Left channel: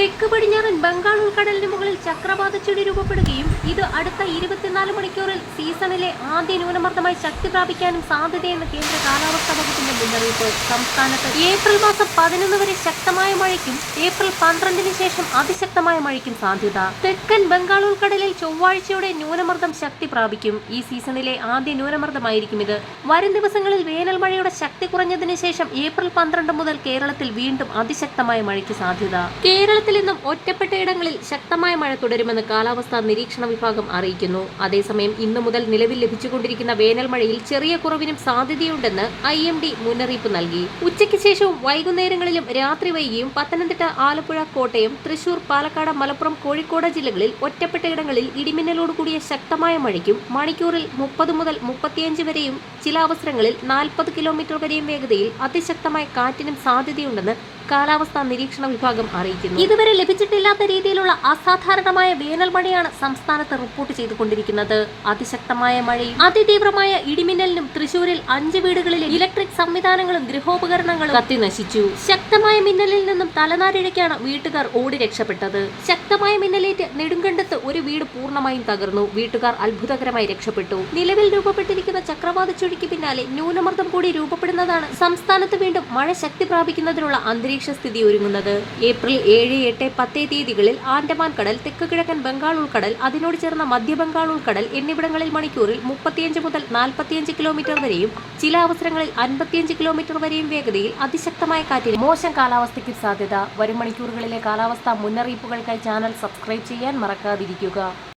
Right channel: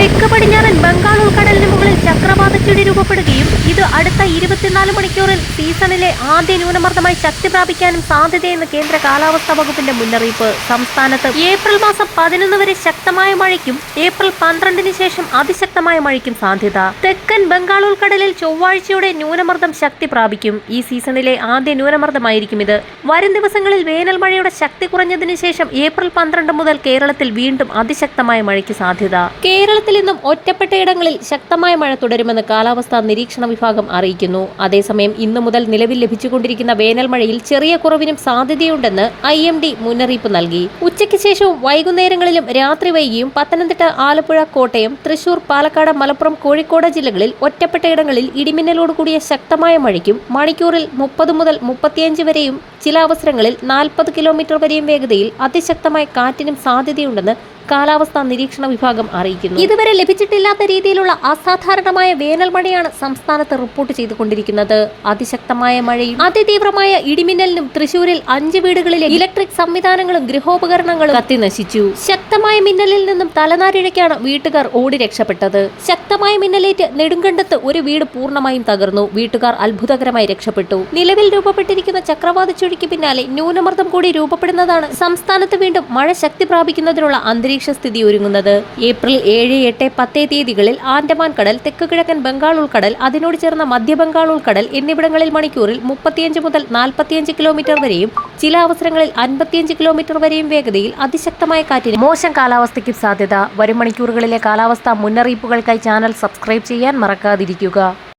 തെക്ക് പടിഞ്ഞാറൻ ബംഗാൾ ഉൾക്കടലിന് മുകളിൽ ചക്രവാത ചുഴി രൂപപ്പെടുകയും ഇത് അടുത്ത 24 മണിക്കൂറിൽ സീസണിലെ ആദ്യ ന്യൂനമർദ്ദമായി ശക്തി പ്രാപിക്കാനും സാധ്യതയെന്ന് കേന്ദ്ര കാലാവസ്ഥാ വകുപ്പിന്റെ മുന്നറിയിപ്പ്. സംസ്ഥാനത്ത് ഏപ്രിൽ മാസം 11 വരെ ശക്തമായ മഴയ്ക്കും ഏപ്രിൽ 12 ശേഷം അതിശക്തമായ മഴയ്ക്കും സാധ്യത. തെക്കൻ ബംഗാൾ ഉൾക്കടലിൽ ചൊവ്വാഴ്ചയോടെ ന്യൂനമർദ്ദം ശക്തി പ്രാപിക്കും. ഈ സീസണിലെ ആദ്യ ന്യൂനമർദ്ദമായിരിക്കും ഇത്. വരും ദിവസങ്ങളിൽ വേനൽ മഴയുടെ ശക്തി കുറഞ്ഞതിന് ശേഷം ഏപ്രിൽ 12 മുതൽ കേരളത്തിൽ വീണ്ടും അതിശക്തമായ മഴയ്ക്ക് സാധ്യത. കേരളത്തിൽ ഇന്നും ഒറ്റപ്പെട്ടയിടങ്ങളിൽ ശക്തമായ മഴ തുടരുമെന്ന് കാലാവസ്ഥാ നിരീക്ഷണ വിഭാഗം അറിയിക്കുന്നു. അതേസമയം ഇന്നു മുതൽ നിലവിൽ ലഭിച്ചുകൊണ്ടിരിക്കുന്ന വേനൽ മഴയിൽ ചെറിയ കുറവിനും സാധ്യതയുണ്ടെന്ന് IMD മുന്നറിയിപ്പ് നൽകി. ഉച്ചയ്ക്ക് ശേഷവും വൈകുന്നേരങ്ങളിലും രാത്രി വൈകിയും പത്തനംതിട്ട, ആലപ്പുഴ, കോട്ടയം, തൃശൂർ, പാലക്കാട്, മലപ്പുറം, കോഴിക്കോട് ജില്ലകളിൽ ഒറ്റപ്പെട്ടയിടങ്ങളിൽ ഇടിമിന്നലോട് കൂടിയ ശക്തമായ മഴയ്ക്കും മണിക്കൂറിൽ 30 മുതൽ 35 വരെയും ചില അവസരങ്ങളിൽ 40 കിലോമീറ്റർ വരെയും വേഗതയിൽ അതിശക്തമായ കാറ്റിനും സാധ്യതയുണ്ടെന്ന് കാലാവസ്ഥാ നിരീക്ഷണ വിഭാഗം അറിയിക്കുന്നു. ഇതുവരെ ലഭിച്ചിട്ടില്ലാത്ത രീതിയിലുള്ള അസാധാരണമായ വേനൽ മഴയാണ് സംസ്ഥാനത്ത് റിപ്പോർട്ട് ചെയ്തുകൊണ്ടിരിക്കുന്നത്. അതിശക്തമായ മഴയും അതിതീവ്രമായ ഇടിമിന്നലിനും തൃശൂരിൽ 5 വീടുകളിലെ ഇലക്ട്രിക് സംവിധാനങ്ങളും ഗൃഹോപകരണങ്ങളും കത്തിനശിച്ചു. ശക്തമായ മിന്നലിൽ നിന്നും തലനാരിഴയ്ക്കാണ് വീട്ടുകാർ ഓടി രക്ഷപ്പെട്ടത്. ശക്തമായ മിന്നലേറ്റ് നെടുങ്കണ്ടത്ത് ഒരു വീട് പൂർണ്ണമായും തകർന്നു. വീട്ടുകാർ അത്ഭുതകരമായി രക്ഷപ്പെട്ടു. നിലവിൽ രൂപപ്പെട്ടിരിക്കുന്ന ചക്രവാത ചുഴിക്ക് പിന്നാലെ ന്യൂനമർദ്ദം കൂടി രൂപപ്പെടുന്നതാണ് സംസ്ഥാനത്ത് വീണ്ടും മഴ ശക്തി പ്രാപിക്കുന്നതിനുള്ള അന്തരീക്ഷ സ്ഥിതി ഒരുങ്ങുന്നത്. ഏപ്രിൽ 7, 8, 10 തീയതികളിൽ ആൻഡമാൻ കടൽ, തെക്ക് കിഴക്കൻ ബംഗാൾ ഉൾക്കടൽ, അതിനോട് ചേർന്ന മധ്യ ബംഗാൾ ഉൾക്കടൽ എന്നിവിടങ്ങളിൽ മണിക്കൂറിൽ 35 മുതൽ 45 കിലോമീറ്റർ വരെയും ചില അവസരങ്ങളിൽ 55 കിലോമീറ്റർ വരെയും വേഗതയിൽ അതിശക്തമായ കാറ്റിന് മോശം കാലാവസ്ഥയ്ക്ക് സാധ്യത. വരും മണിക്കൂറുകളിലെ കാലാവസ്ഥാ മുന്നറിയിപ്പുകൾക്കായി ചാനൽ സബ്സ്ക്രൈബ് ചെയ്യാൻ മറക്കാതിരിക്കുക.